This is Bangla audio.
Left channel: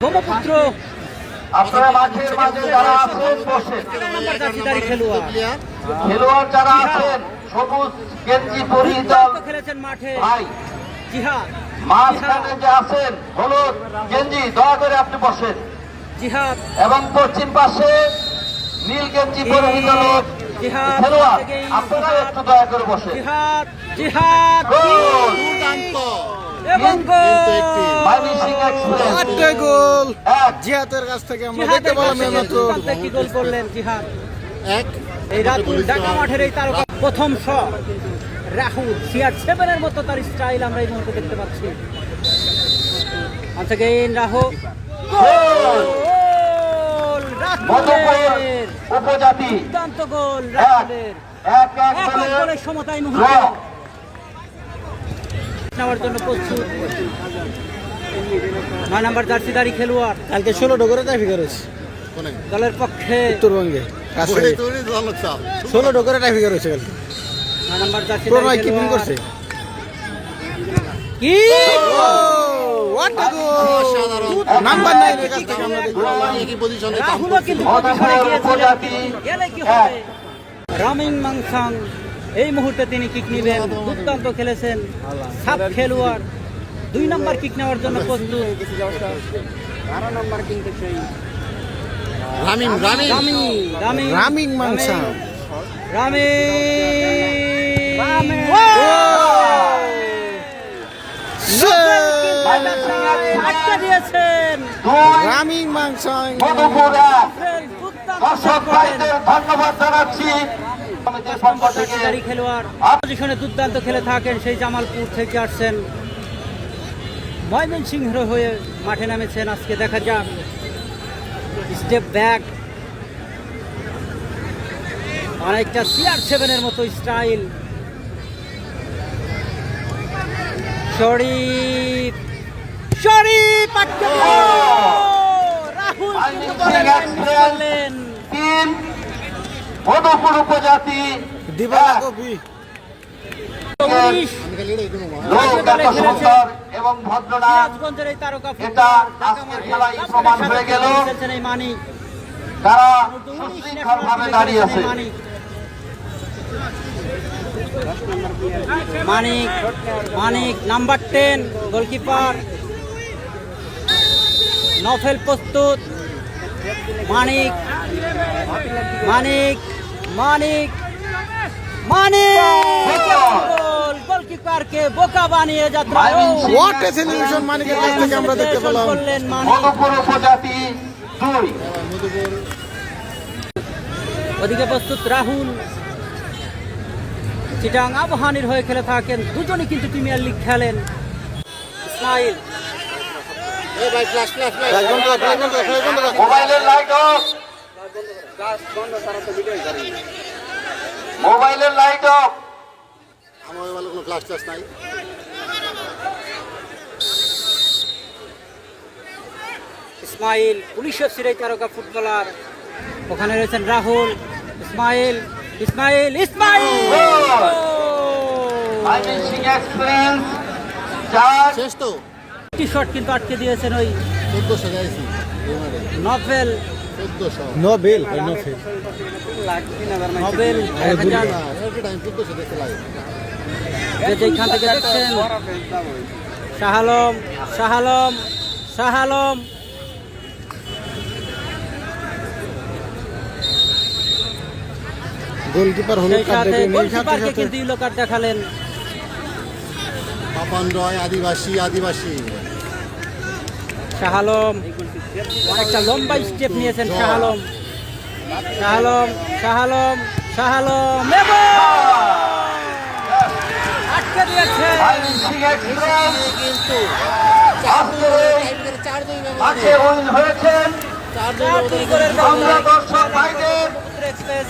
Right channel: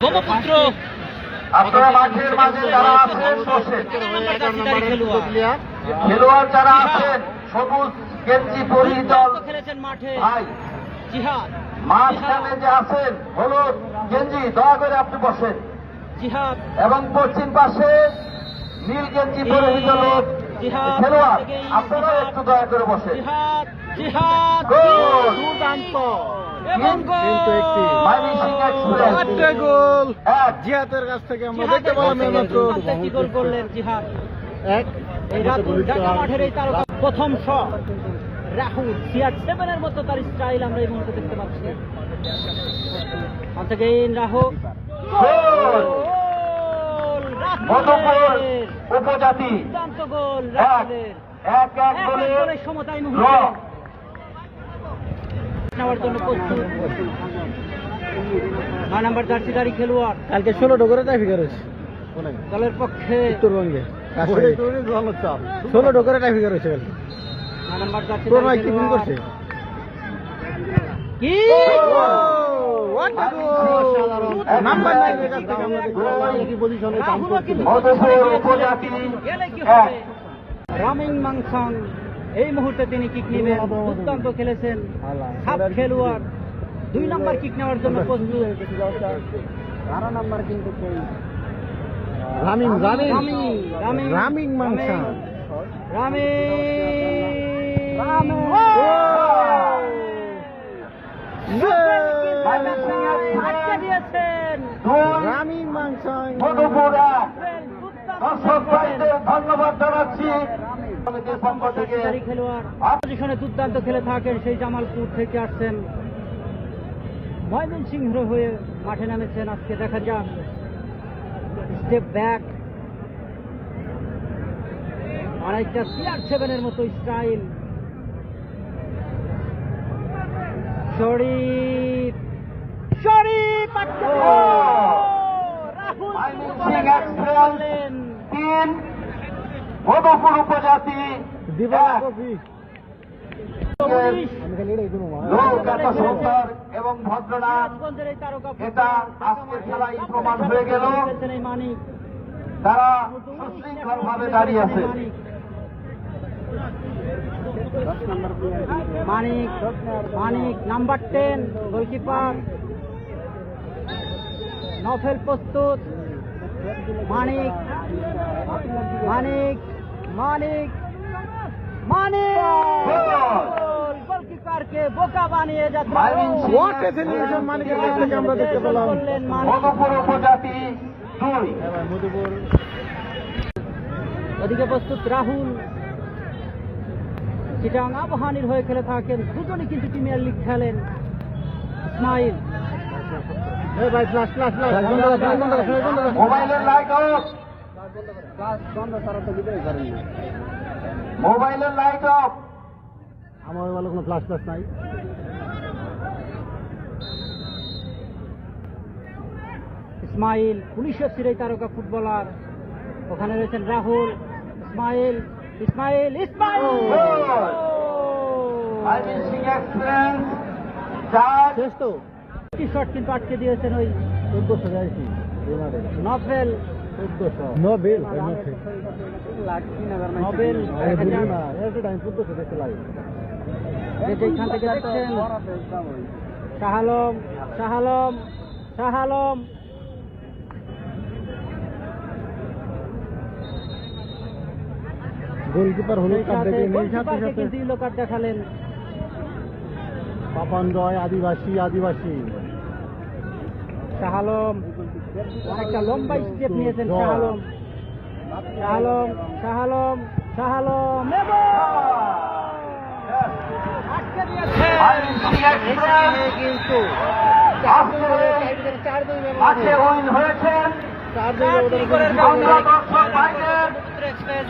ব্রহ্মপুত্র আপনারা মাঠের মাঝে যারা আছেন বসে খেলোয়াড় যারা আছেন সবুজ গেঞ্জি পরিহিত খেলেছেন মাঠে ভাই জিহাদ মাঝখানে যে আছেন হলুদ গেঞ্জি দয়া করে আপনি বসেন জিহাদ এবং পশ্চিম পাশে নীল গেঞ্জি পরিহিত লোক খেলোয়াড় আপনারা একটু দয়া করে বসেন। জিহাদ জিহাদ গোল! দুর্দান্ত এবং কিন্তু একটি ময়মনসিংহ এক্সপ্রেস আটটা গোল এক জিহাদের কাছ থেকে আমরা জিহাদের দেখতে পেলাম কাছে এইমাত্র কি গোল করলেন জিহাদ এক এই রাতুল ঢাকা মাঠের এই তারকা প্রথম শট রাহুল CR7 এর মতো তার স্টাইল আমরা এই মুহূর্তে দেখতে পাচ্ছি। once again রাহুল গোল! মধুপুর উপজাতি দুর্দান্ত গোল এক রাহুলের এক এক গোলে গোলের সমতায় ড্র। নেওয়ার জন্য প্রস্তুত 9 নম্বর জার্সিধারী খেলোয়াড় কালকে 16টা করে ট্রাফিক করেছে কোনে দলের পক্ষে উত্তরবঙ্গে আচ্ছা। 16টা করে ট্রাফিক করেছে কালকে 9 নম্বর জার্সিধারী প্রণয় কি বিন করছে কি হোয়াট আ গোল সাধারণ নাম্বার 9 এর কাছ থেকে আমরা দেখলাম একই পজিশনে কাম করছিল মধুপুর উপজাতি এক রামিং মাংসাং এই মুহূর্তে তিনি কিক নেবেন দুর্দান্ত খেলেছেন সাত খেলোয়াড় 2 নম্বর কিক নেওয়ার জন্য প্রস্তুত রামিম রামিম রামিং রামিং মাংসা আটকে দিয়েছেন দুই রামিং মাংসা মধুপুর এক দর্শক ভাইদের ধন্যবাদ জানাচ্ছি কমিটির পক্ষ থেকে জার্সিধারী খেলোয়াড় পজিশনে দুর্দান্ত খেলে থাকেন সেই জামালপুর থেকে আসছেন ময়মনসিংহ হয়ে মাঠে নামেছেন আজকে দেখা যাক স্টেপ ব্যাক অনেকটা CR7 এর মতো স্টাইল শরীফ শরীফ আটকে দিল। রাহুল ময়মনসিংহ এক্সপ্রেস তিন মধুপুর উপজাতি দিবালা কপি পুলিশ আমি খালি এটাই দেবো লোক এত সুন্দর এবং ভদ্রনা সিরাজগঞ্জের এই তারকা এটা আজকের খেলায় প্রমাণ হয়ে গেল খেলছেন এই মানিক তারা সুশৃঙ্খল ভাবে দাঁড়িয়ে আছে। মানিক মানিক নাম্বার 10 গোলকিপার নফেল প্রস্তুত মানিক মানিক মানিক মানিক গোল! গোলকিপারকে বোকা বানিয়ে যাচ্ছে হোয়াট এ সেলিব্রেশন মানিকের কাছ থেকে আমরা দেখতে পেলাম মধুপুর উপজাতি দুই মধুপুর ওদিকে প্রস্তুত রাহুল চিটাং আবহানির হয়ে খেলে থাকেন দুজনই কিন্তু প্রিমিয়ার লিগ খেলেন ইসমাইল এই ভাই ফ্ল্যাশ ফ্ল্যাশ ফ্ল্যাশ মোবাইলের লাইট অফ মোবাইলের লাইট অফ আমার ভালো কোনো ফ্ল্যাশ ফ্ল্যাশ নাই ইসমাইল পুলিশের সিরাই তারকা ফুটবলার ওখানে রয়েছেন রাহুল ইসমাইল ইসমাইল ইসমাইল ময়মনসিংহ এক্সপ্রেস চার শেষ তো টি শট কিন্তু আটকে দিয়েছেন ওই 1400 যাইছি এই মাঠে নভেল 1400 নোবেল নোবেল নভেল না এভরি টাইম 1400 দেখতে লাগে যেখান থেকে দেখছেন শাহালম শাহালম শাহালম গোলকিপার হলুদ সেই কার্ড সাথে দেখে নেই সাথে গোলকিপারকে সাথে কিন্তু ইয়েলো কার্ড দেখালেন পাপান রয় আদিবাসী আদিবাসী শাহালম অনেকটা লম্বা স্টেপ নিয়েছেন জয়। শাহালম শাহালম শাহালম শাহালম এবং আটকে দিয়েছে ময়মনসিংহ এক্সপ্রেস কিন্তু চার দুই মাঠে উইন হয়েছেন চার দুই ব্যবধানে আমরা দর্শক ভাইদের এক্সপ্রেস